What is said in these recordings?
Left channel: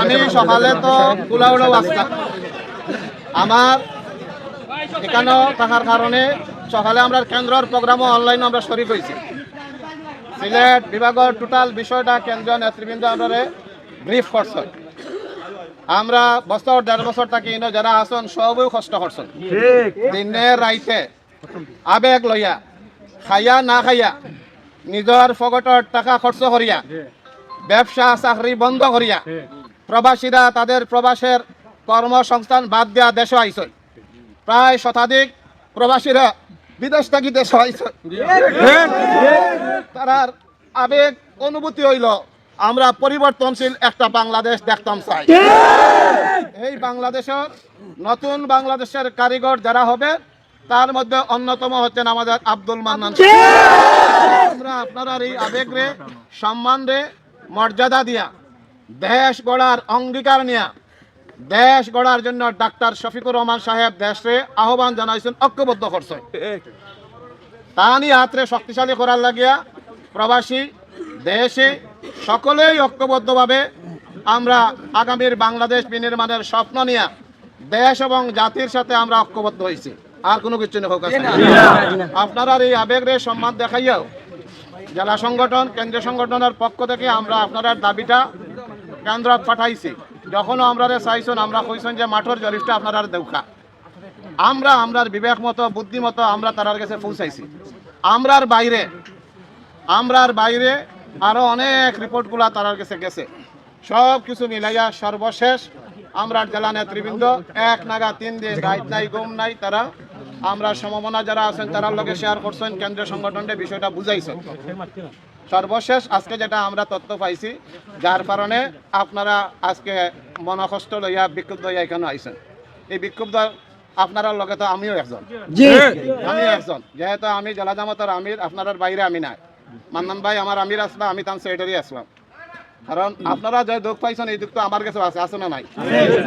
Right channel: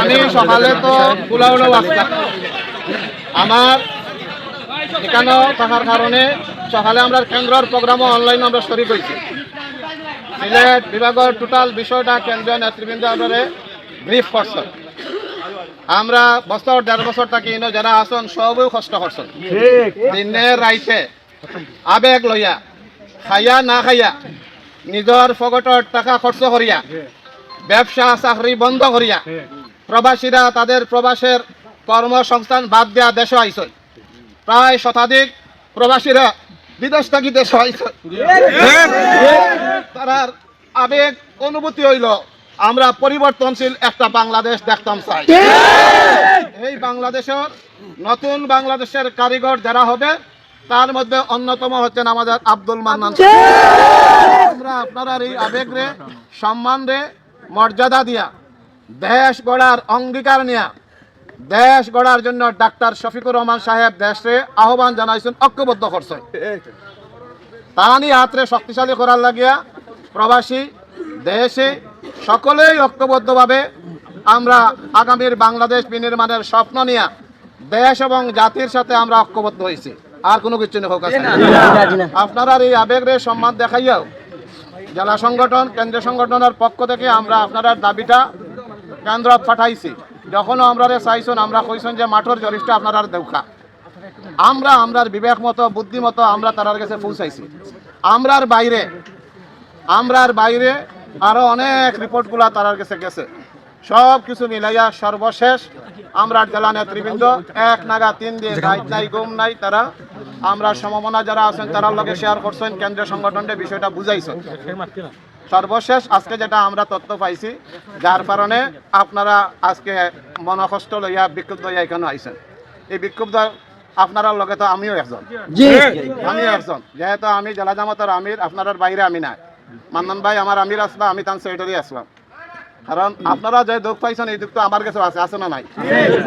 আমি সকালে তো কুলাউড়াও আসলাম আমার এখানেও থাকার কারণে সকালে আমরা কেন্দ্রের প্রোগ্রামও অনলাইনে আমরা শরিক হয়েছি। সিলেট বিভাগের টোটাল বিষয়টা কেন্দ্রীয় নেতৃবৃন্দ আমাদের ব্রিফ করছেন। আমরা বছর দেড় বছর থাকি যারা আসন সবই কষ্ট করছেন। দিনে রাইতে আবেগ লইয়া খাইয়া না খাইয়া নিজের ফগটর টাকা খরচ করিয়া ব্যবসা চাকরি বন্ধ করিয়া প্রবাসীরা তাদের প্রবাসের কর্মসংস্থান বাদ দেওয়া দেশ আইসন প্রায় শতাধিক প্রবাসীরা বিদেশ থাকি দেশ আইসন তারার আবেগ অনুভূতি হইল আমরা পরিবর্তনশীল একটা বাংলাদেশ দেখতাম চাই। এই বাংলাদেশের নতুন বাংলাদেশের কারিগর যারা হবে তার মধ্যে অন্যতম হচ্ছেন আমাদের আব্দুল মান্নান। আমরা আপনার এই আবেগ রে সম্মান রে মর্যাদা দিয়া দেশ গড়ার অঙ্গীকার নিয়া দেশ গড়ার জন্য ডাক্তার শফিকুর রহমান সাহেব দেশে আহ্বান জানাইছেন ঐক্যবদ্ধ করছে। তাহানি হাতরে শক্তিশালী করার লাগিয়া প্রবাসী দেশে সকলেই ঐক্যবদ্ধভাবে আমরা আগামীর বাংলাদেশ বিনির্মাণের স্বপ্ন নিয়ে দেশ এবং জাতির সাথে আমরা ঐক্যবদ্ধ হয়েছি আর কোনো কিছু নেই। আপনারা এই আবেগরে সম্মান দেখাইয়াও জেলা সংগঠন, কেন্দ্রীয় সংগঠনের পক্ষ থেকে আমরা আপনার দাবিটা কেন্দ্র পাঠাইছি। যখনও আমরা চাইছেন, আমরা কইছেন যে মাঠের জরিফটা আপনারা দেউখা। আমরা, আমরার বিবেক মতো, বুদ্ধি মতো আমরা তারার কাছে পৌঁছাইছি। আমরার বাইরে আমরার বাইরে আরও অনেক রিপোর্টগুলা তারার কাছে গেছে। সব কিছু মিলাইয়া সর্বশেষ আমরা জেলা নেতৃবৃন্দ, এক নাগা তিন দিন, রাত নাই গুম নাই, তারা আমরা সমমনা যারা আছেন তারা লগে শেয়ার করছেন কেন্দ্রীয় সংগঠনটা বিষয়টা বুঝাইছেন। সর্বশেষ আজকে যেটা আমরা তথ্য পাইছি যার কারণে আপনারা আজকে মনকষ্ট লইয়া বিক্ষুব্ধ হইয়া এখানে আইছেন। এই বিক্ষুব্ধ আপনারা লগে তো আমিও একজন। আমিও একজন। যেহেতু আমি জেলা জামাতের আমির আপনার বাইরে আমি নাই। মান্নান ভাই আমার আমির আসলাম আমি তার সেক্রেটারি আসলাম। কারণ আপনারা যে দুঃখ পাইছেন এই দুঃখ তো আমার কাছে আছে আছে না নাই?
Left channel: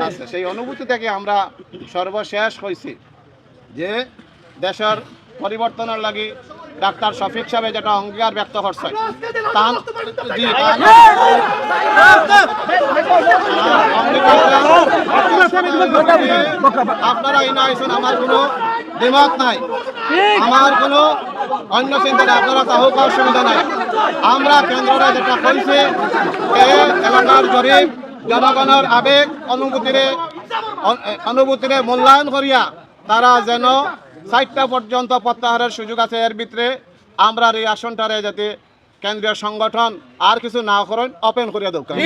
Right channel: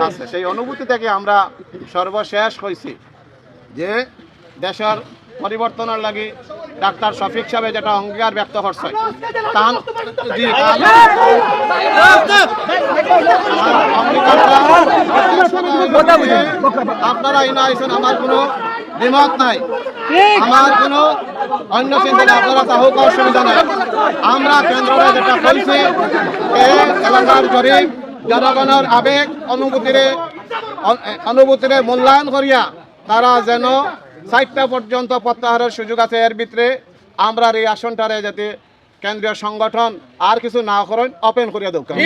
আছে। সেই অনুভূতি থেকে আমরা সর্বশেষ হয়েছি যে দেশের পরিবর্তনের লাগি ডাক্তার শফিক সাহেব যেটা অঙ্গীকার ব্যক্ত করছে আপনারা ইনা আইসেন আমার কোনো দ্বিমত নাই। আমার কোনো অন্য চিন্তা নেই আপনারা তাহলে অসুবিধা নাই। আমরা কেন্দ্রে যেটা কইছি এলাকার জরিপ জনগণের আবেগ অনুভূতিরে অ- এ, অনুভূতিরে মূল্যায়ন করিয়া তারা যেন চারটা পর্যন্ত প্রত্যাহারের সুযোগ আছে এর ভিতরে, আমরা এই আসনটারে যাতে কেন্দ্রীয় সংগঠন আর কিছু না করেন ওপেন করিয়া দোকান